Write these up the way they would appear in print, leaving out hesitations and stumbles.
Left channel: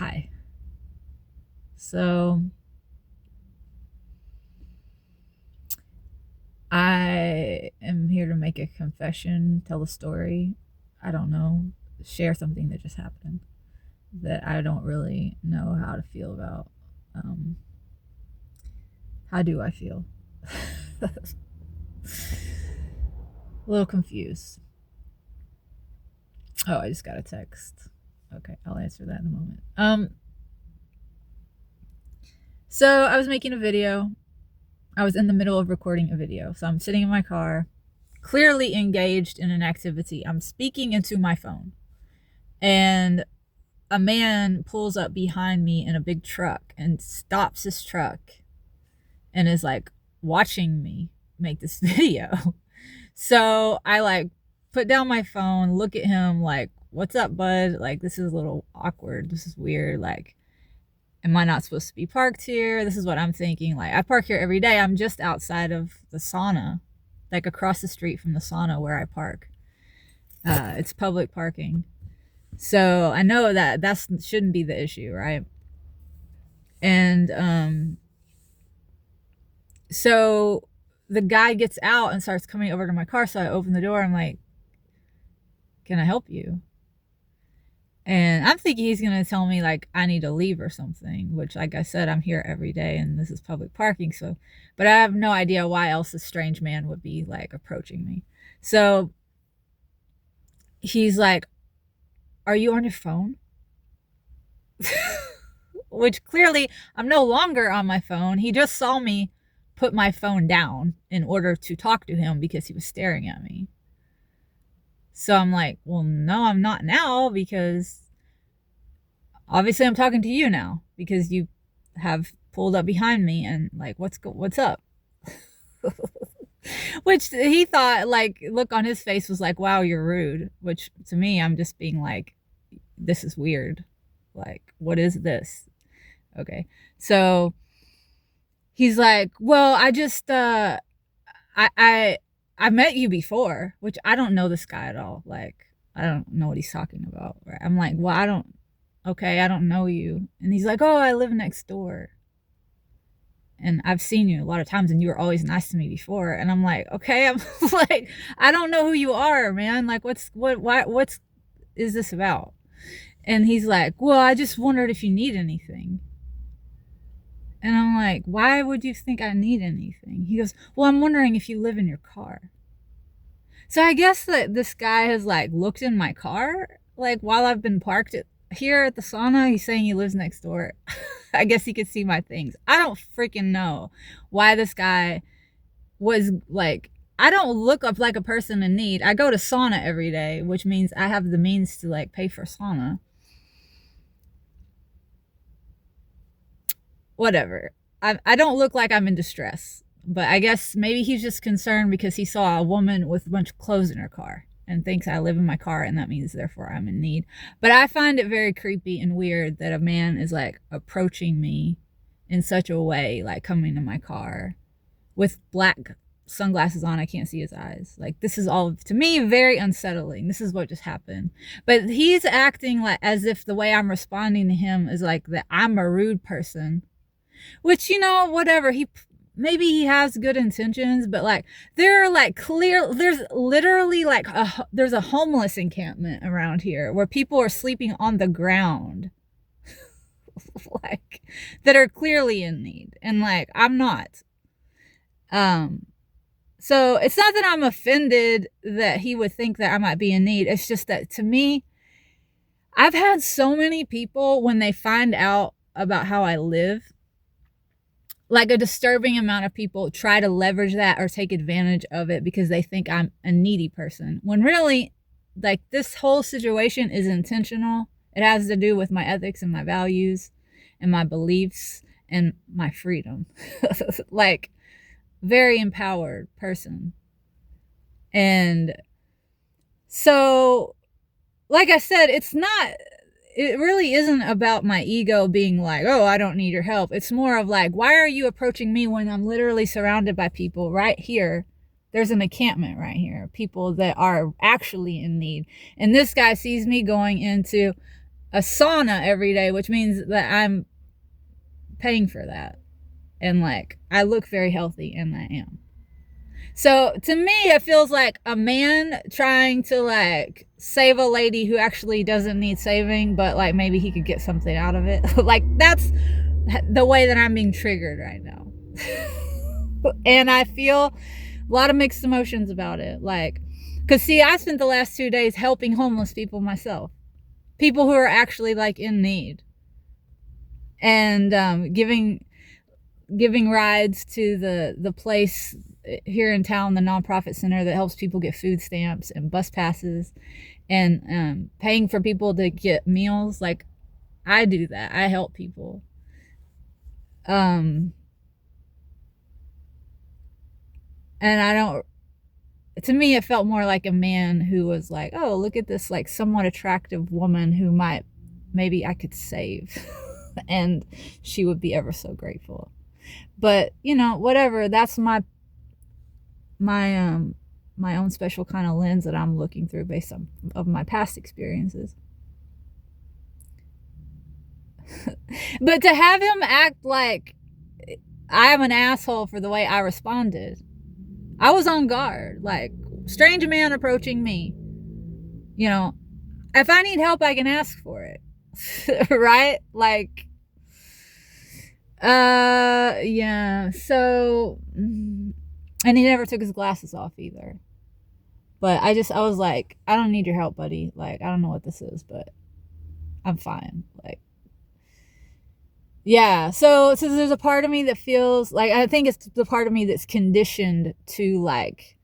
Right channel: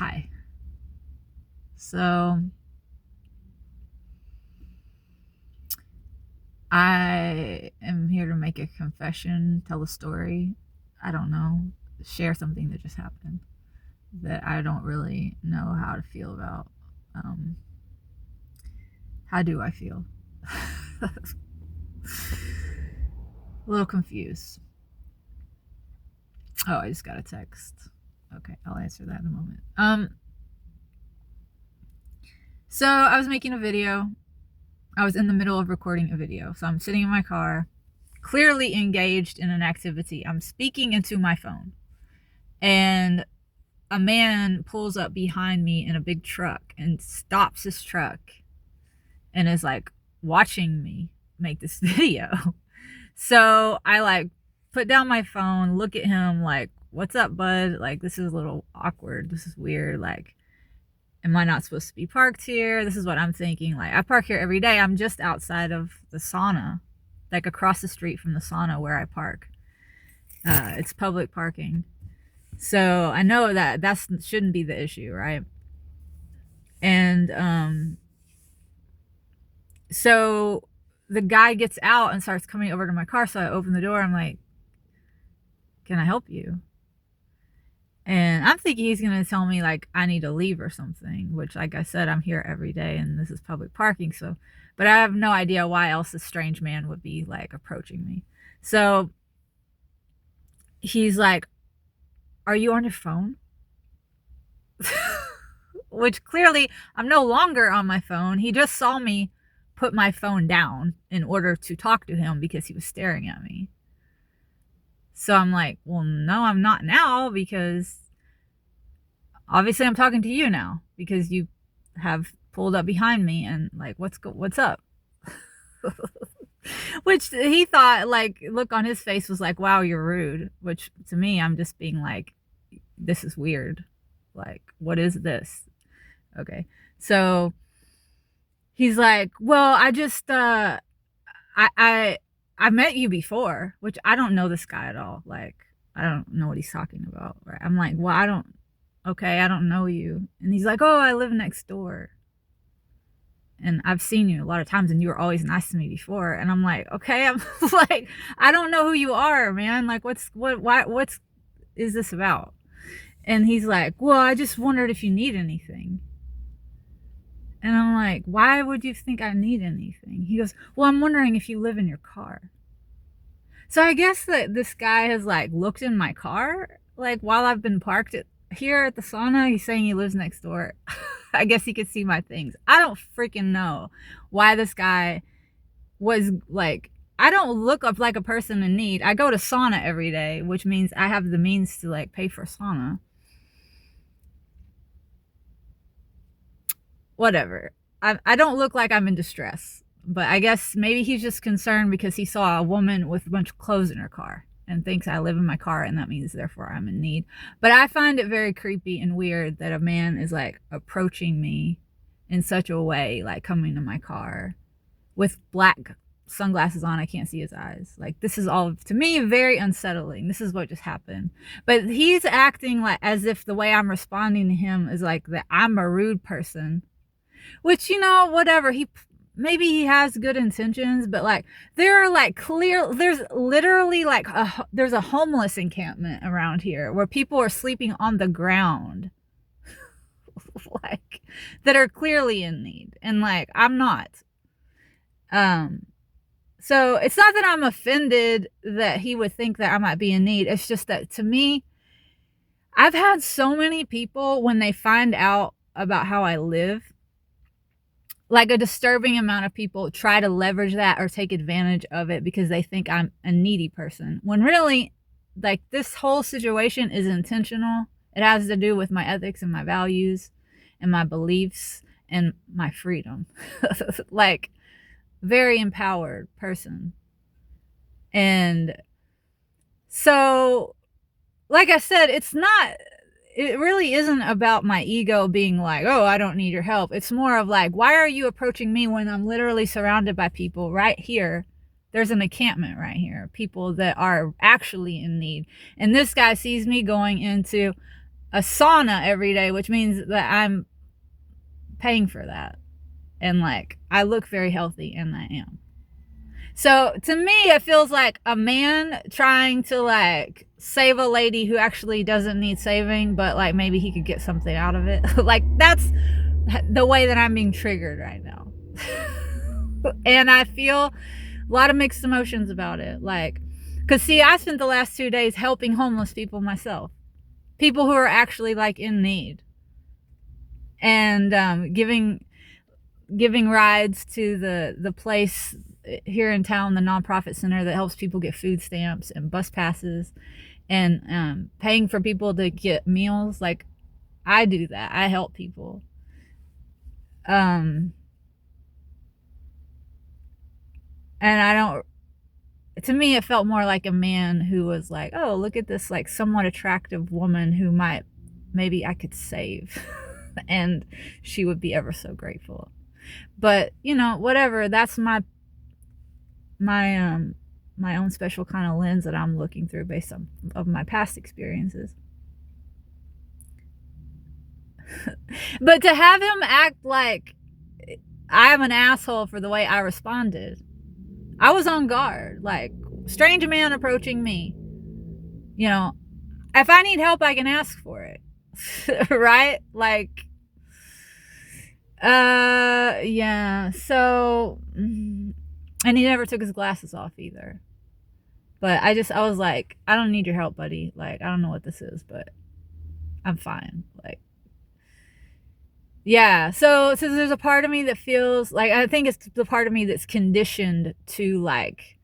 Hi. So I am here to make a confession, tell a story. I don't know, share something that just happened that I don't really know how to feel about. Um, how do I feel? A little confused. Oh, I just got a text. Okay, I'll answer that in a moment. So I was making a video. I was in the middle of recording a video. So I'm sitting in my car, clearly engaged in an activity. I'm speaking into my phone. And a man pulls up behind me in a big truck and stops his truck and is like watching me make this video. So I like put down my phone, look at him like, what's up, bud? Like, this is a little awkward. This is weird. Like, am I not supposed to be parked here? This is what I'm thinking. Like, I park here every day. I'm just outside of the sauna, like across the street from the sauna where I park. It's public parking. So I know that shouldn't be the issue, right? And so the guy gets out and starts coming over to my car. So I open the door. I'm like, can I help you? And I'm thinking he's going to tell me like I need to leave or something, which, like I said, I'm here every day and this is public parking. So, but I have no idea why else this strange man would be like approaching me. So he's like, are you on your phone? Which clearly I'm no longer on my phone. He just saw me put my phone down in order to talk to him because he was staring at me. So I'm like, well, no, I'm not now, because obviously I'm talking to you now because you have pulled up behind me and like, what's up? Which he thought, like, look on his face was like, wow, you're rude. Which to me, I'm just being like, this is weird. Like, what is this? Okay. So he's like, well, I just I met you before, which I don't know this guy at all. Like, I don't know what he's talking about. Right? I'm like, well, I don't know you. And he's like, oh, I live next door. And I've seen you a lot of times and you were always nice to me before. And I'm like, okay, I'm like, I don't know who you are, man. Like, what is this about? And he's like, well, I just wondered if you need anything. And I'm like, why would you think I need anything? He goes, well, I'm wondering if you live in your car. So I guess that this guy has like looked in my car, like while I've been parked here at the sauna. He's saying he lives next door. I guess he could see my things. I don't freaking know why this guy was like, I don't look up like a person in need. I go to sauna every day, which means I have the means to like pay for sauna. Whatever. I don't look like I'm in distress, but I guess maybe he's just concerned because he saw a woman with a bunch of clothes in her car and thinks I live in my car and that means therefore I'm in need. But I find it very creepy and weird that a man is like approaching me in such a way, like coming to my car with black sunglasses on. I can't see his eyes. Like, this is all, to me, very unsettling. This is what just happened. But he's acting like as if the way I'm responding to him is like that I'm a rude person, which, you know, whatever. Maybe he has good intentions, but like there are like there's literally like there's a homeless encampment around here where people are sleeping on the ground like that are clearly in need, and like I'm not. So it's not that I'm offended that he would think that I might be in need. It's just that, to me, I've had so many people, when they find out about how I live, like a disturbing amount of people try to leverage that or take advantage of it because they think I'm a needy person. When really, like, this whole situation is intentional. It has to do with my ethics and my values and my beliefs and my freedom. Like, very empowered person. And so, like I said, it really isn't about my ego being like, oh, I don't need your help. It's more of like, why are you approaching me when I'm literally surrounded by people right here? There's an encampment right here, people that are actually in need. And this guy sees me going into a sauna every day, which means that I'm paying for that. And like, I look very healthy, and I am. So to me, it feels like a man trying to like save a lady who actually doesn't need saving, but like maybe he could get something out of it. Like, that's the way that I'm being triggered right now. And I feel a lot of mixed emotions about it. Like, because see, I spent the last 2 days helping homeless people myself, people who are actually like in need, and giving rides to the place here in town, the nonprofit center that helps people get food stamps and bus passes, and paying for people to get meals. Like, I do that. I help people. And I don't, to me, it felt more like a man who was like, oh, look at this like somewhat attractive woman who maybe I could save. And she would be ever so grateful. But, you know, whatever, that's my own special kind of lens that I'm looking through based on of my past experiences. But to have him act like I'm an asshole for the way I responded, I was on guard. Like, strange man approaching me. You know, if I need help, I can ask for it. Right? Like, yeah. So, and he never took his glasses off either. But I was like, I don't need your help, buddy. Like, I don't know what this is, but I'm fine. Like, yeah. So there's a part of me that feels like, I think it's the part of me that's conditioned to like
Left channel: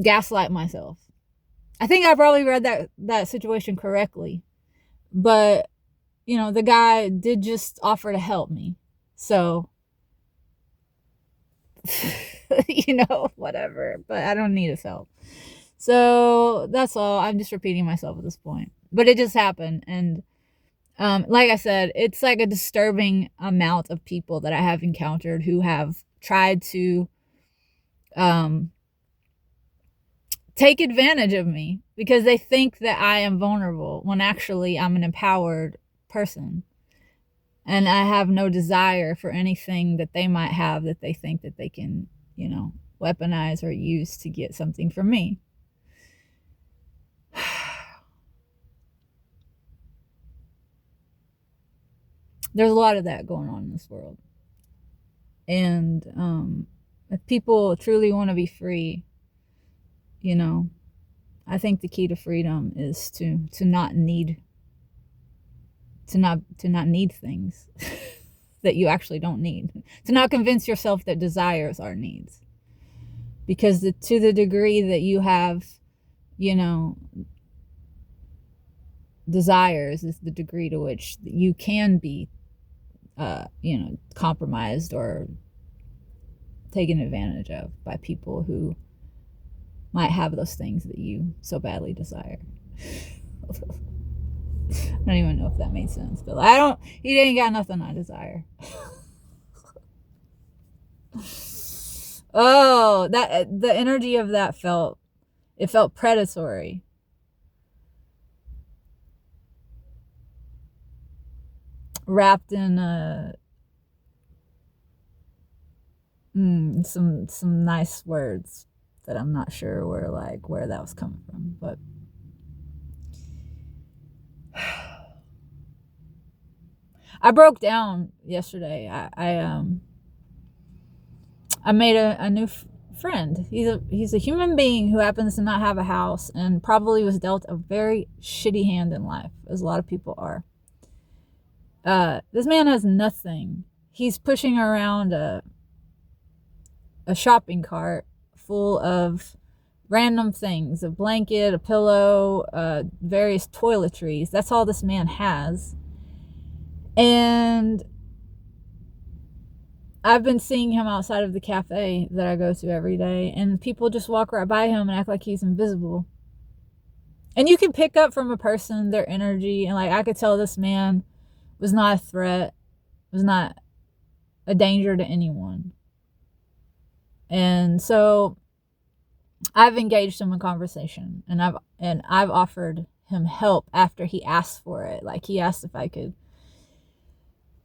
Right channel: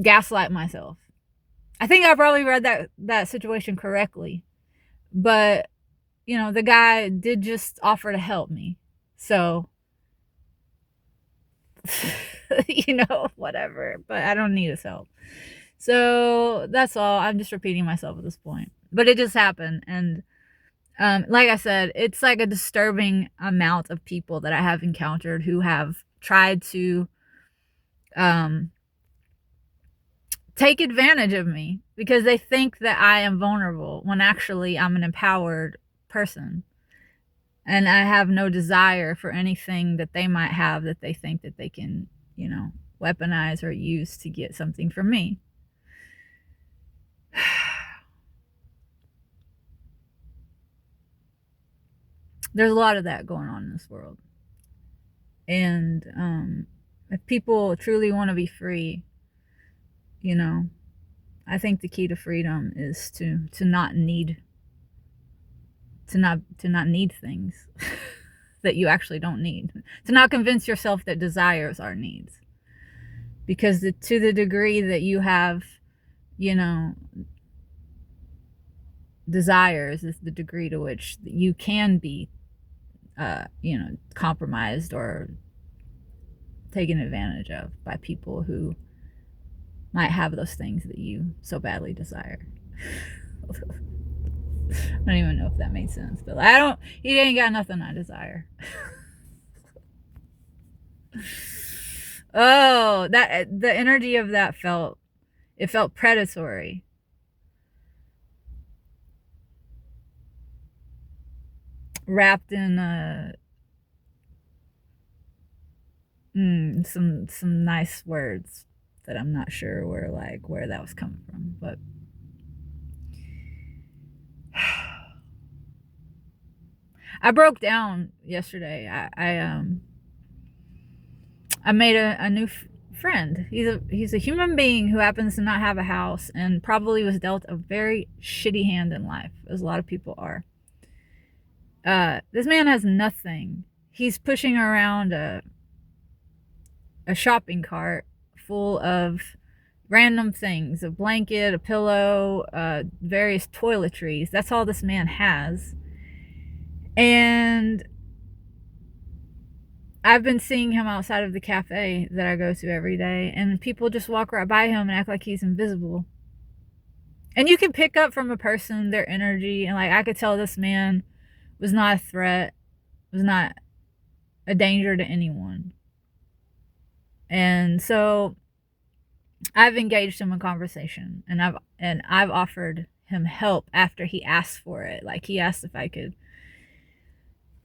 gaslight myself. I think I probably read that situation correctly, but you know, the guy did just offer to help me. So, you know, whatever, but I don't need his help. So that's all. I'm just repeating myself at this point, but it just happened. And like I said, it's like a disturbing amount of people that I have encountered who have tried to take advantage of me because they think that I am vulnerable when actually I'm an empowered person. And I have no desire for anything that they might have that they think that they can, you know, weaponize or use to get something from me. There's a lot of that going on in this world. And if people truly want to be free, you know, I think the key to freedom is to not need things that you actually don't need. To not convince yourself that desires are needs. Because to the degree that you have, you know, desires is the degree to which you can be, you know, compromised or taken advantage of by people who might have those things that you so badly desire. I don't even know if that made sense, but he ain't got nothing I desire. Oh, the energy of that felt predatory. Wrapped in some nice words that I'm not sure where that was coming from, but I broke down yesterday. I made a new friend. He's a human being who happens to not have a house and probably was dealt a very shitty hand in life, as a lot of people are. This man has nothing. He's pushing around a shopping cart full of random things, a blanket, a pillow, various toiletries. That's all this man has. And I've been seeing him outside of the cafe that I go to every day, and people just walk right by him and act like he's invisible. And you can pick up from a person their energy, and like I could tell this man was not a threat, was not a danger to anyone. And so I've engaged him in conversation, and I've offered him help after he asked for it. Like, he asked if I could,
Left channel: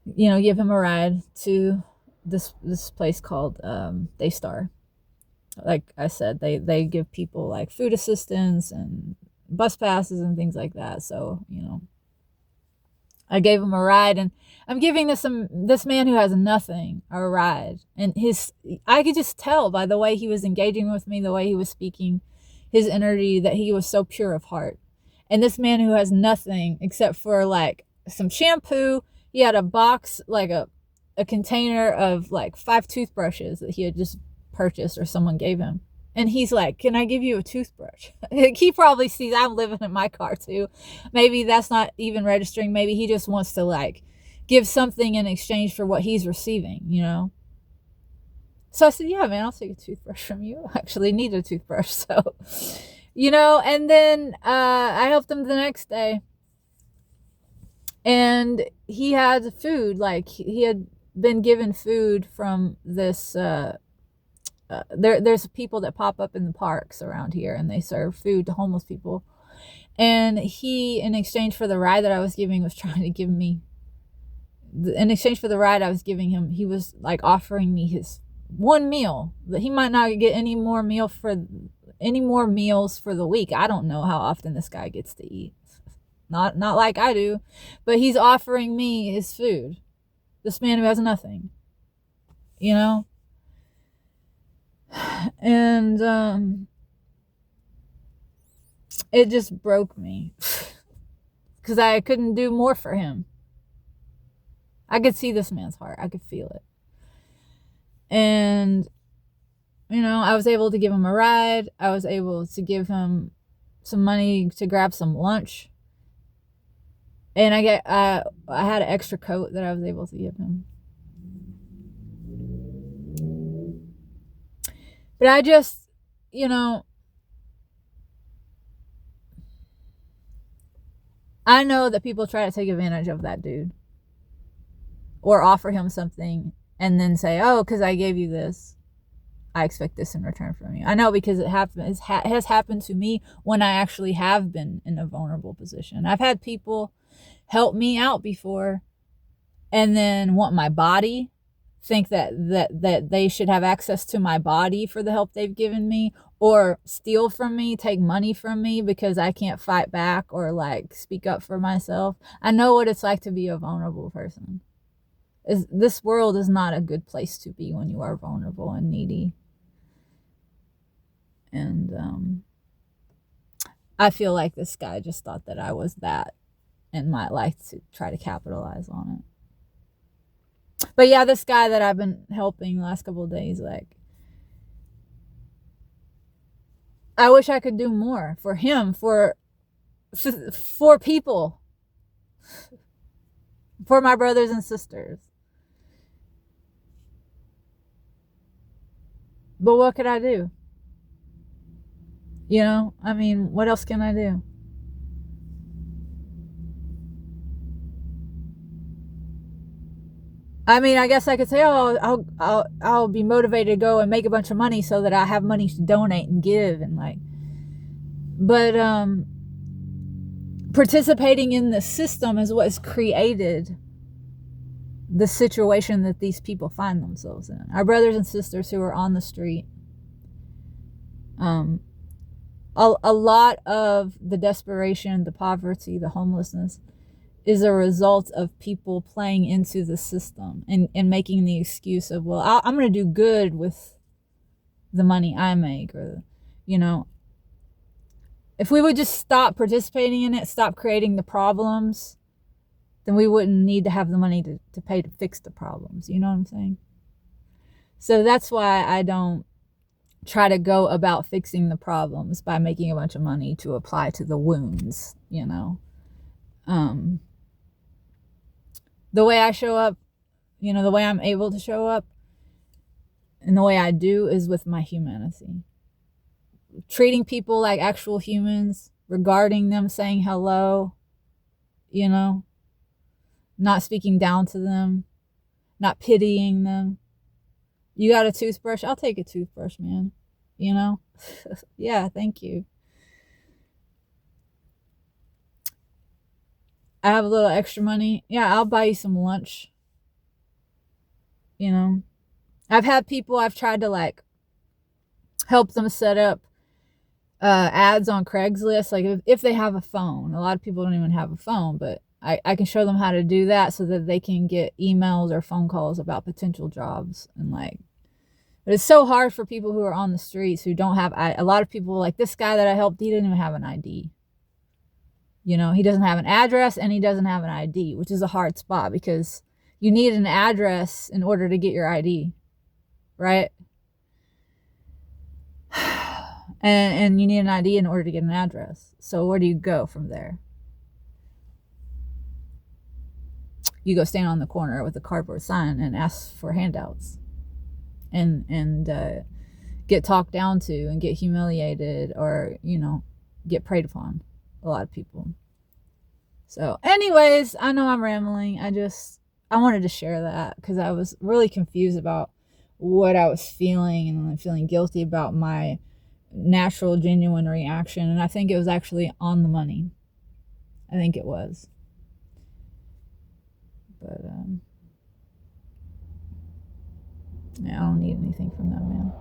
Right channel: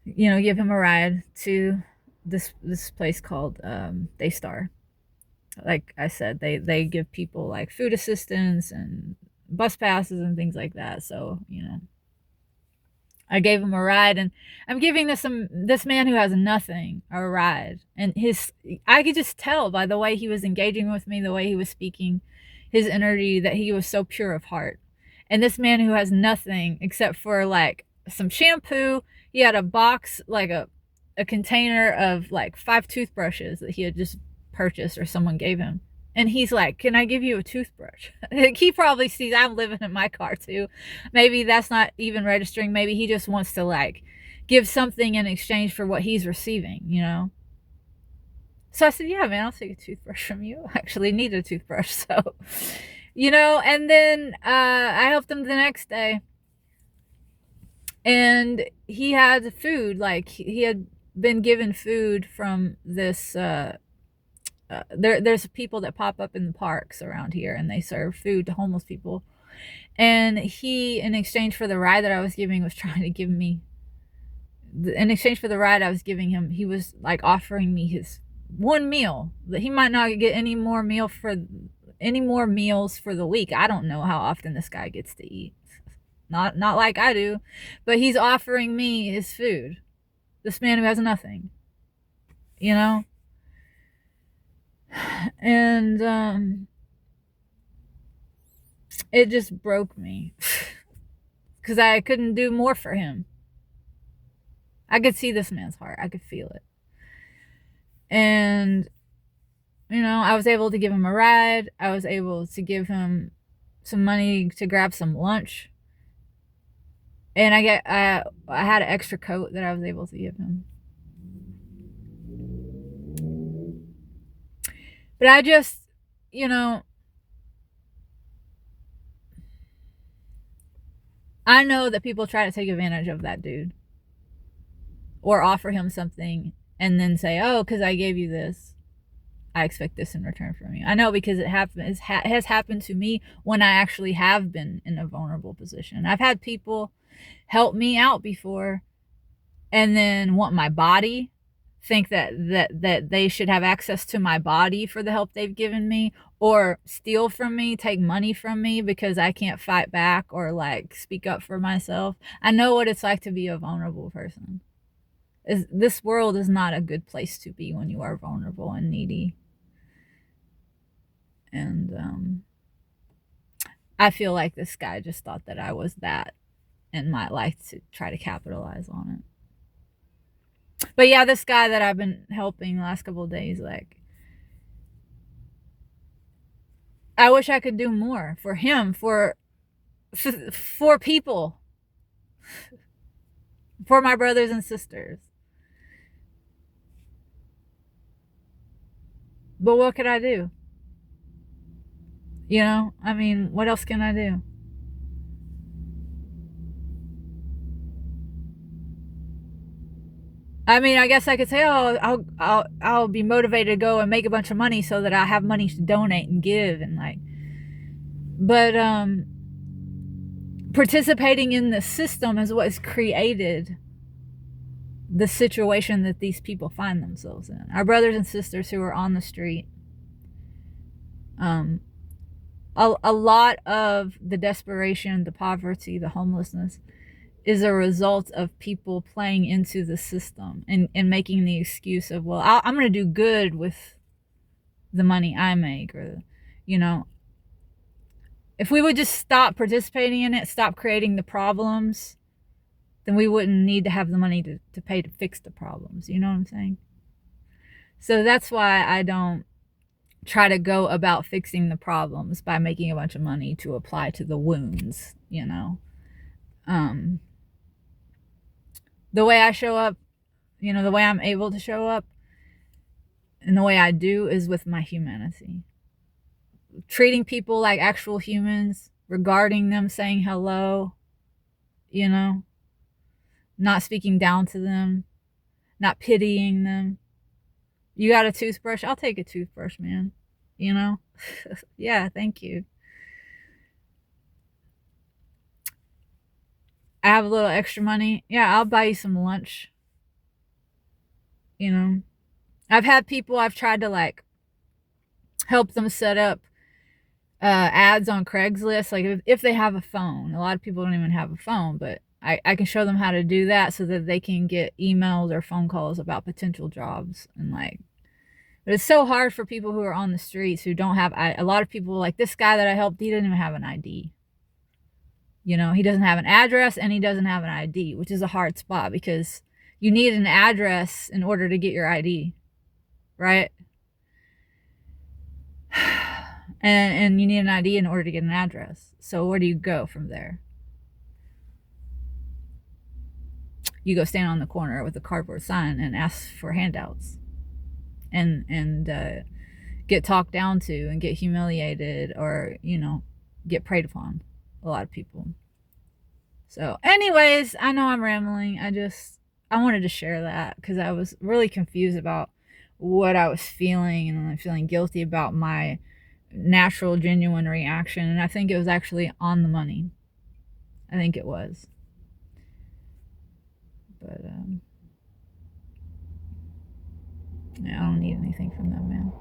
you know, give him a ride to this place called Daystar. Like I said, they give people like food assistance and bus passes and things like that. So, you know, I gave him a ride, and I'm giving this man who has nothing a ride. And I could just tell by the way he was engaging with me, the way he was speaking, his energy, that he was so pure of heart. And this man who has nothing except for like some shampoo, he had a box, like a container of like 5 toothbrushes that he had just purchased or someone gave him. And he's like, can I give you a toothbrush? He probably sees I'm living in my car too. Maybe that's not even registering. Maybe he just wants to like give something in exchange for what he's receiving, you know? So I said, yeah, man, I'll take a toothbrush from you. I actually need a toothbrush. So, you know, and then I helped him the next day. And he had food, like he had been given food from this there's people that pop up in the parks around here, and they serve food to homeless people. And he, in exchange for the ride that I was giving, was trying to give me, in exchange for the ride I was giving him, he was like offering me his one meal, that he might not get any more meals for the week. I don't know how often this guy gets to eat. Not like I do, but he's offering me his food. This man who has nothing, you know? And it just broke me because I couldn't do more for him. I could see this man's heart. I could feel it. And, you know, I was able to give him a ride. I was able to give him some money to grab some lunch. And I had an extra coat that I was able to give him. But I just, you know, I know that people try to take advantage of that dude or offer him something and then say, oh, because I gave you this, I expect this in return from you. I know, because it has happened to me when I actually have been in a vulnerable position. I've had people help me out before and then want my body, think that they should have access to my body for the help they've given me, or steal from me, take money from me because I can't fight back or like speak up for myself. I know what it's like to be a vulnerable person. This world is not a good place to be when you are vulnerable and needy. And I feel like this guy just thought that I was that and might like to try to capitalize on it. But yeah, this guy that I've been helping the last couple of days, like, I wish I could do more for him, for people, for my brothers and sisters. But what could I do? You know, I mean, what else can I do? I mean, I guess I could say, oh, I'll be motivated to go and make a bunch of money so that I have money to donate and give and like. But participating in the system is what has created the situation that these people find themselves in. Our brothers and sisters who are on the street. A lot of the desperation, the poverty, the homelessness is a result of people playing into the system and making the excuse of, well, I'm going to do good with the money I make, or, you know, if we would just stop participating in it, stop creating the problems, then we wouldn't need to have the money to pay to fix the problems. You know what I'm saying? So that's why I don't try to go about fixing the problems by making a bunch of money to apply to the wounds, you know. The way I show up, you know, the way I'm able to show up and the way I do is with my humanity. Treating people like actual humans, regarding them, saying hello, you know, not speaking down to them, not pitying them. You got a toothbrush? I'll take a toothbrush, man. You know? Yeah, thank you. I have a little extra money. Yeah, I'll buy you some lunch. You know, I've had people I've tried to like help them set up ads on Craigslist. Like if they have a phone, a lot of people don't even have a phone, but I can show them how to do that so that they can get emails or phone calls about potential jobs. And like, but it's so hard for people who are on the streets who don't have, a lot of people like this guy that I helped, he didn't even have an ID. You know, he doesn't have an address and he doesn't have an ID, which is a hard spot because you need an address in order to get your ID, right? And you need an ID in order to get an address. So where do you go from there? You go stand on the corner with a cardboard sign and ask for handouts, and get talked down to and get humiliated, or get preyed upon. A lot of people. So, anyways, I know I'm rambling. I wanted to share that because I was really confused about what I was feeling, and I'm feeling guilty about my natural, genuine reaction. And I think it was actually on the money. I think it was. But, yeah, I don't need anything from them, man.